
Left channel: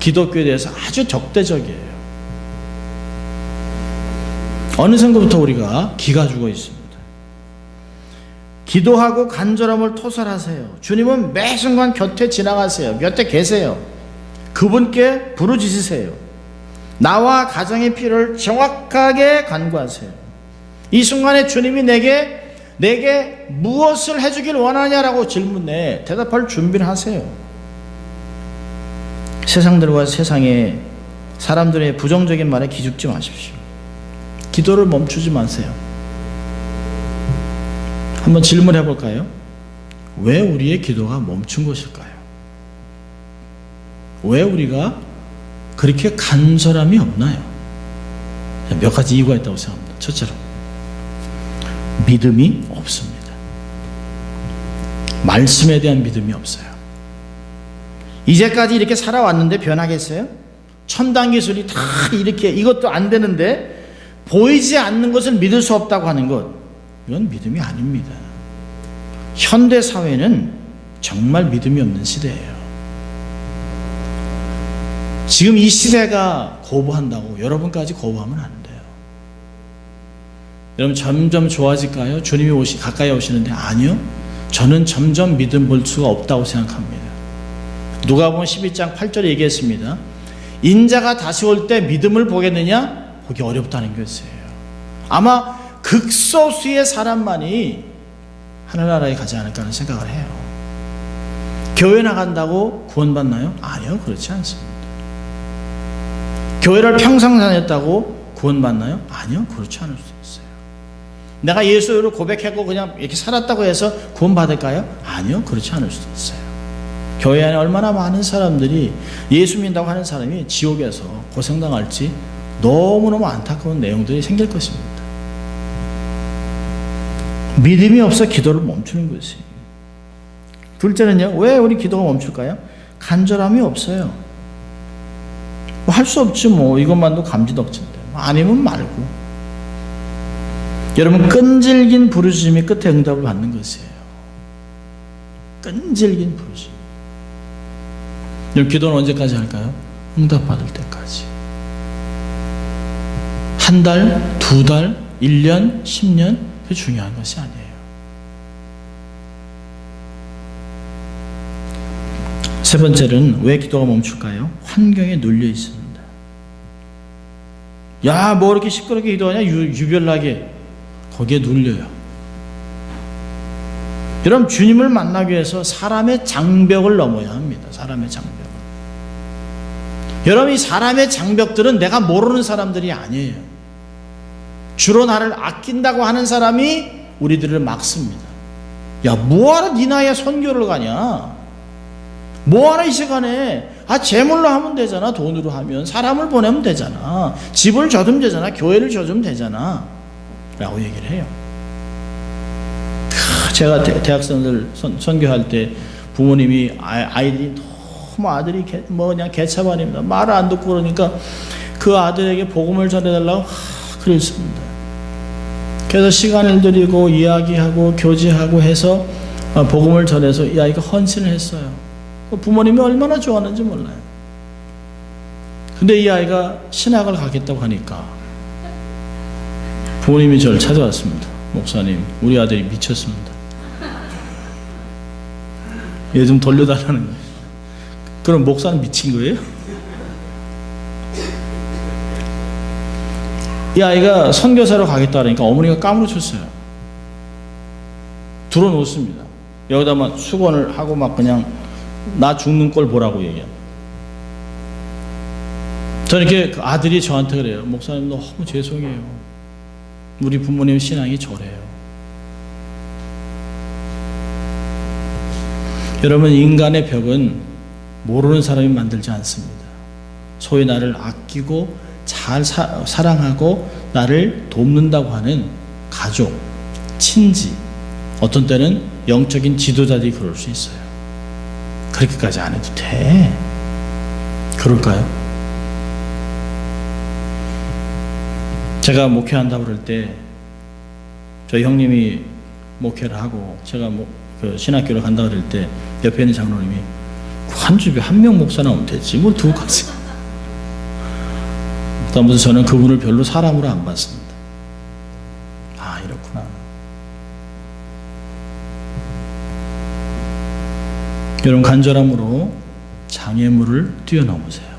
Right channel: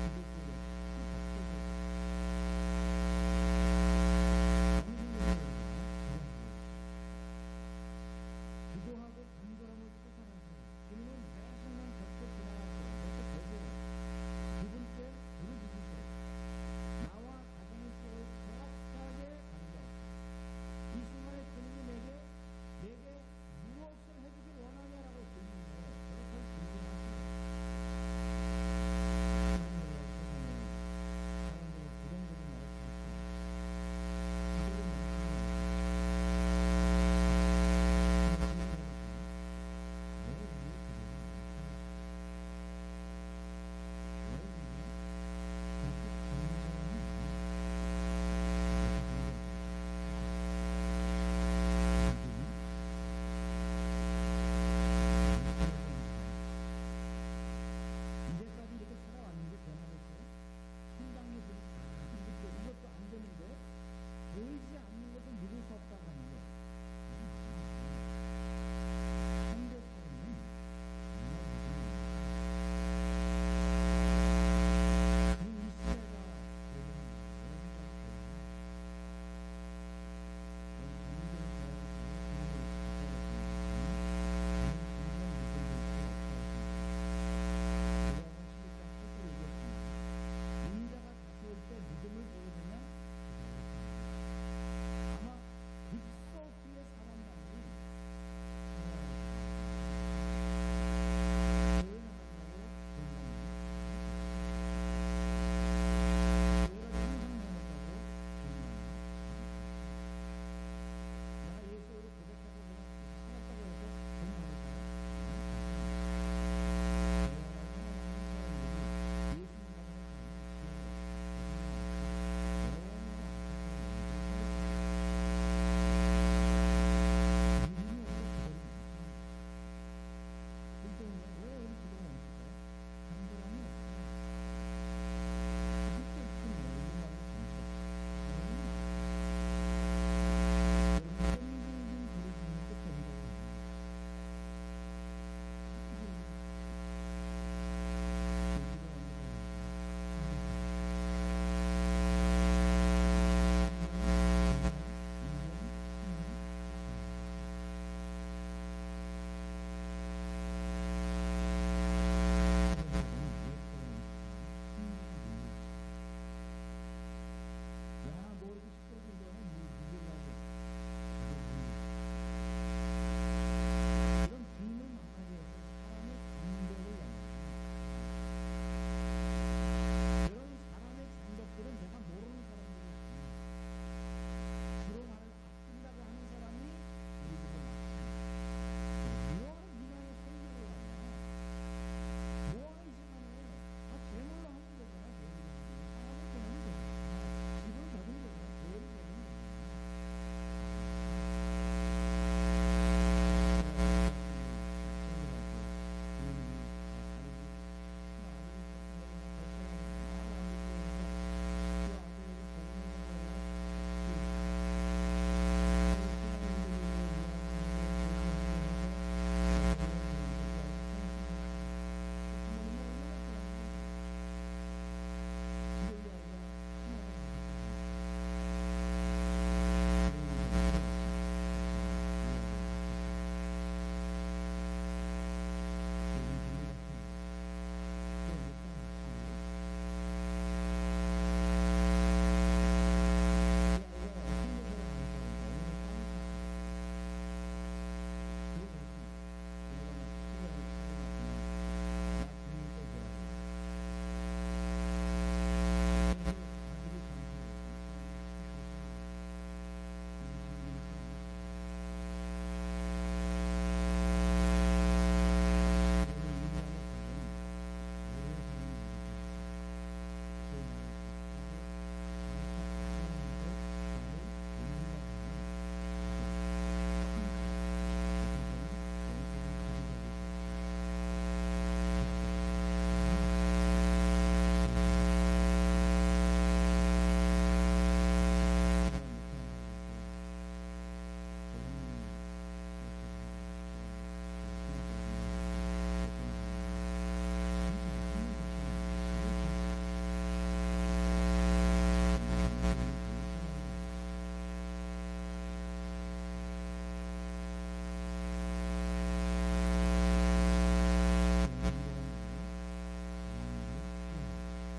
기독교에 대해서 아주 적대적이에요. 어느 순간부터 우리가 기가 죽어 있습니다. 기도하고 간절함을 토설하세요. 주님은 매 순간 곁에 지나가세요. 곁에 계세요. 그분께 부르짖으세요. 나와 가정의 필요를 정확하게 간구하세요. 이 순간에 주님이 내게 무엇을 해주길 원하냐라고 질문에 대답할 준비를 하세요. 세상들과 세상의 사람들의 부정적인 말에 기죽지 마십시오. 기도를 멈추지 마세요. 한번 질문해 볼까요? 왜 우리의 기도가 멈춘 것일까요? 왜 우리가 그렇게 간절함이 없나요? 몇 가지 이유가 있다고 생각합니다. 첫째로 믿음이 없습니다. 말씀에 대한 믿음이 없어요. 이제까지 이렇게 살아왔는데 변하겠어요? 첨단 기술이 다 이렇게 이것도 안 되는데 보이지 않는 것을 믿을 수 없다고 하는 것, 이건 믿음이 아닙니다. 현대 사회는 정말 믿음이 없는 시대예요. 지금 이 시대가 거부한다고 여러분까지 거부하면 안 돼요. 여러분 점점 좋아질까요? 주님이 가까이 오시는데 아니요. 저는 점점 믿음 볼 수가 없다고 생각합니다. 누가복음 12장 8절에 얘기했습니다. 인자가 다시 올 때 믿음을 보겠느냐? 보기 어렵다는 것이에요. 아마 극소수의 사람만이 하늘나라에 가지 않을까 하는 생각을 해요. 교회 나간다고 구원받나요? 아니요, 그렇지 않습니다. 교회를 평생 다녔다고 구원받나요? 아니요, 그렇지 않을 수 있어요. 내가 예수를 고백하고 그냥 이렇게 살았다고 해서 구원받을까요? 아니요, 그렇지 않을 수도 있어요. 교회 안에 얼마나 많은 사람들이 예수 믿는다고 하는 사람이 지옥에서 고생당할지 너무너무 안타까운 내용들이 생길 것입니다. 믿음이 없어 기도를 멈추는 것이. 둘째는요, 왜 우리 기도가 멈출까요? 간절함이 없어요. 뭐 할 수 없지 뭐, 이것만도 감지덕진데 아니면 말고. 여러분 끈질긴 부르짖음이 끝에 응답을 받는 것이에요. 끈질긴 부르짖음. 여러분 기도는 언제까지 할까요? 응답받을 때까지. 한 달, 두 달, 1년, 10년, 그게 중요한 것이 아니에요. 세 번째는 왜 기도가 멈출까요? 환경에 눌려 있습니다. 야, 뭐 이렇게 시끄럽게 기도하냐? 유별나게. 거기에 눌려요. 여러분 주님을 만나기 위해서 사람의 장벽을 넘어야 합니다. 사람의 장벽. 여러분 이 사람의 장벽들은 내가 모르는 사람들이 아니에요. 주로 나를 아낀다고 하는 사람이 우리들을 막습니다. 야, 뭐하러 네 나이에 선교를 가냐? 뭐하러 이 시간에 재물로 하면 되잖아. 돈으로 하면 사람을 보내면 되잖아. 집을 줘주면 되잖아. 교회를 줘주면 되잖아 라고 얘기를 해요. 제가 대학생들 선교할 때 부모님이 아이들이 너무 아들이 그냥 개차반입니다. 말을 안 듣고 그러니까 그 아들에게 복음을 전해달라고 그랬습니다. 그래서 시간을 들이고 이야기하고 교제하고 해서 복음을 전해서 이 아이가 헌신을 했어요. 부모님이 얼마나 좋아하는지 몰라요. 근데 이 아이가 신학을 가겠다고 하니까 부모님이 저를 찾아왔습니다. 목사님, 우리 아들이 미쳤습니다. 얘 좀 돌려달라는 거예요. 그럼 목사는 미친 거예요? 이 아이가 선교사로 가겠다 하니까 어머니가 까무러쳤어요. 들어놓습니다. 여기다만 수건을 하고 막 그냥 나 죽는 꼴 보라고 얘기해요. 저는 이렇게 아들이 저한테 그래요. 목사님 너무 죄송해요. 우리 부모님 신앙이 저래요. 여러분 인간의 벽은 모르는 사람이 만들지 않습니다. 소위 나를 아끼고 잘 사랑하고 나를 돕는다고 하는 가족, 친지, 어떤 때는 영적인 지도자들이 그럴 수 있어요. 그렇게까지 안 해도 돼. 그럴까요? 제가 목회한다고 그럴 때 저희 형님이 목회를 하고 제가 그 신학교를 간다고 그럴 때 옆에 있는 장로님이 한 집에 한 명 목사 나오면 되지 뭘 두 가지. 그다음부터 저는 그분을 별로 사람으로 안 봤습니다. 아, 이렇구나. 여러분 간절함으로 장애물을 뛰어넘으세요.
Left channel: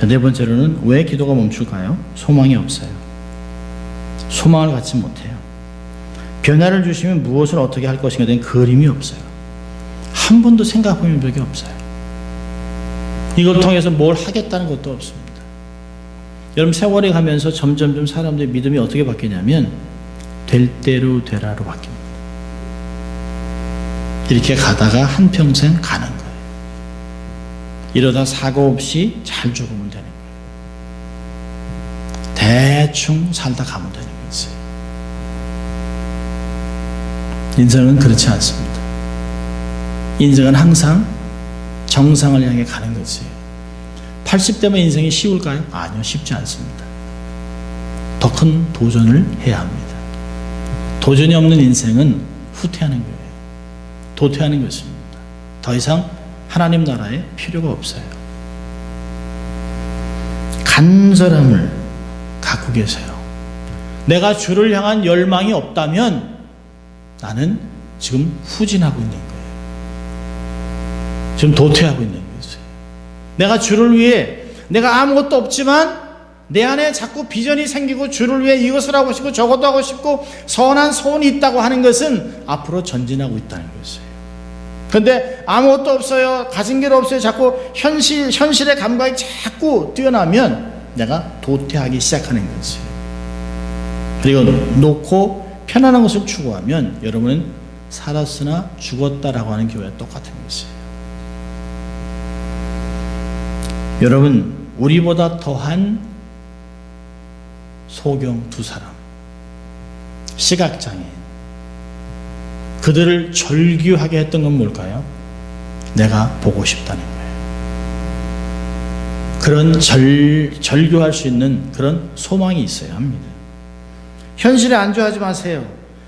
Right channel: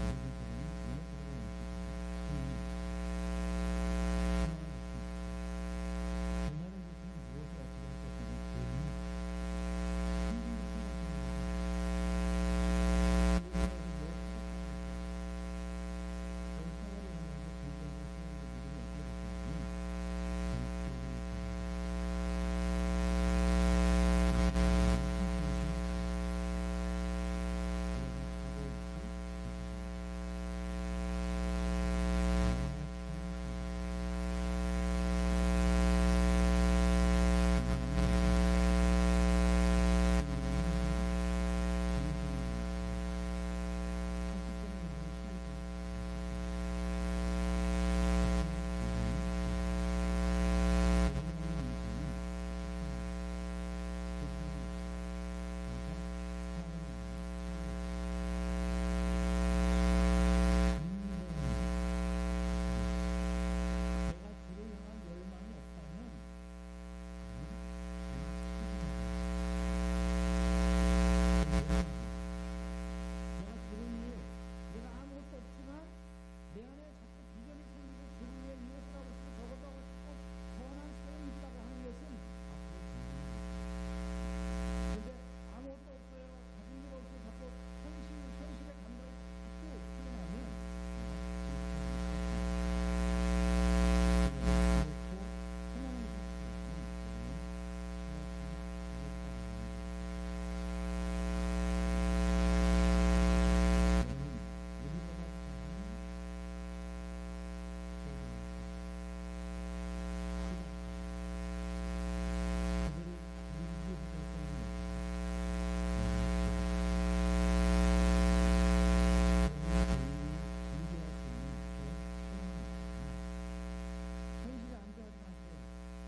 자, 네 번째로는 왜 기도가 멈출까요? 소망이 없어요. 소망을 갖지 못해요. 변화를 주시면 무엇을 어떻게 할 것인가에 대한 그림이 없어요. 한 번도 생각해 본 적이 없어요. 이걸 통해서 뭘 하겠다는 것도 없습니다. 여러분, 세월이 가면서 점점점 사람들의 믿음이 어떻게 바뀌냐면 될 대로 되라로 바뀝니다. 이렇게 가다가 한평생 가는 거예요. 이러다 사고 없이 잘 죽으면 되는 거예요. 대충 살다 가면 되는 거지. 인생은 그렇지 않습니다. 인생은 항상 정상을 향해 가는 거지. 80대면 인생이 쉬울까요? 아니요, 쉽지 않습니다. 더 큰 도전을 해야 합니다. 도전이 없는 인생은 후퇴하는 거예요. 도태하는 것입니다. 더 이상 하나님 나라에 필요가 없어요. 간절함을 갖고 계세요. 내가 주를 향한 열망이 없다면 나는 지금 후진하고 있는 거예요. 지금 도태하고 있는 거예요. 내가 주를 위해, 내가 아무것도 없지만 내 안에 자꾸 비전이 생기고 주를 위해 이것을 하고 싶고 저것도 하고 싶고 선한 소원이 있다고 하는 것은 앞으로 전진하고 있다는 것이에요. 그런데 아무것도 없어요, 가진 게 없어요, 자꾸 현실의 감각이 자꾸 뛰어나면 내가 도태하기 시작하는 것이에요. 그리고 놓고 편안한 것을 추구하면 여러분은 살았으나 죽었다라고 하는 교회와 똑같은 것이에요. 여러분, 우리보다 더한 소경 두 사람, 시각장애, 그들을 절규하게 했던 건 뭘까요? 내가 보고 싶다는 거예요. 그런 절규할 수 있는 그런 소망이 있어야 합니다. 현실에 안주하지 마세요.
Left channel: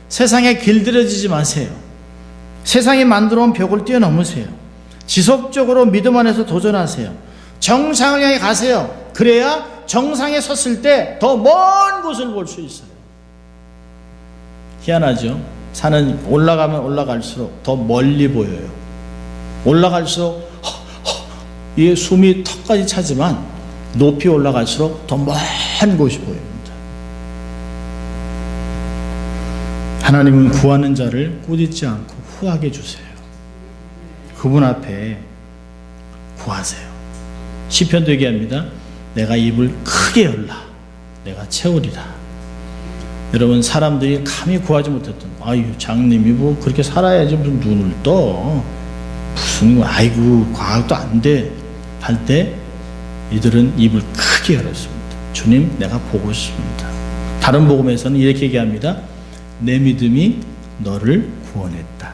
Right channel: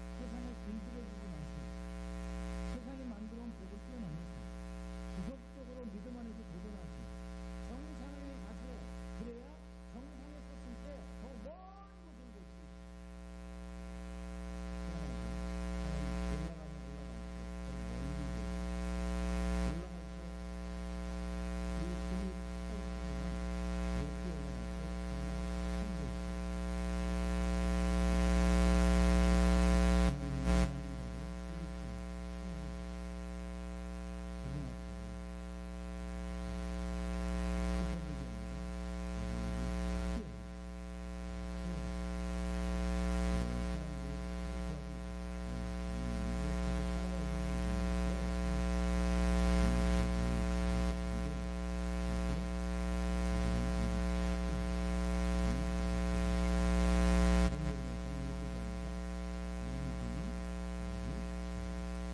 세상에 길들여지지 마세요. 세상이 만들어온 벽을 뛰어넘으세요. 지속적으로 믿음 안에서 도전하세요. 정상을 향해 가세요. 그래야 정상에 섰을 때 더 먼 곳을 볼 수 있어요. 희한하죠? 산은 올라가면 올라갈수록 더 멀리 보여요. 올라갈수록 이 숨이 턱까지 차지만 높이 올라갈수록 더 먼 곳이 보입니다. 하나님은 구하는 자를 꾸짖지 않고 후하게 주세요. 그분 앞에 구하세요. 시편도 얘기합니다. 내가 입을 크게 열라 내가 채우리라. 여러분, 사람들이 감히 구하지 못했던, 아유 장님이 뭐 그렇게 살아야지 무슨 눈을 떠, 무슨 아이고 과학도 안 돼 할 때 이들은 입을 크게 열었습니다. 주님, 내가 보고 싶습니다. 다른 복음에서는 이렇게 얘기합니다. 내 믿음이 너를 구원했다.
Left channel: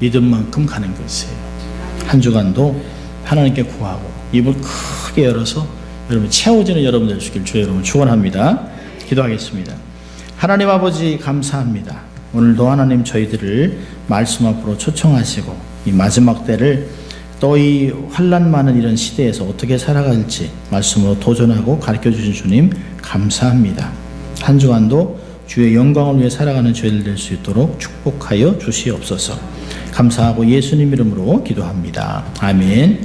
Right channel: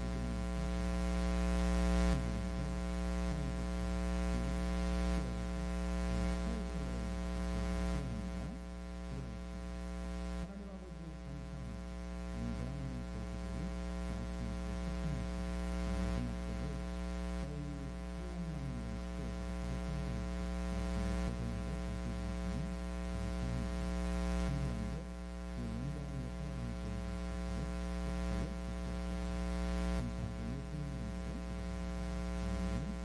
믿음만큼 가는 것이에요. 한 주간도 하나님께 구하고 입을 크게 열어서 여러분 채워지는 여러분 되시길 주의 이름으로 축원합니다. 기도하겠습니다. 하나님 아버지, 감사합니다. 오늘도 하나님 저희들을 말씀 앞으로 초청하시고 이 마지막 때를 또 이 환난 많은 이런 시대에서 어떻게 살아갈지 말씀으로 도전하고 가르쳐주신 주님 감사합니다. 한 주간도 주의 영광을 위해 살아가는 저희들 될 수 있도록 축복하여 주시옵소서. 감사하고 예수님 이름으로 기도합니다. 아멘.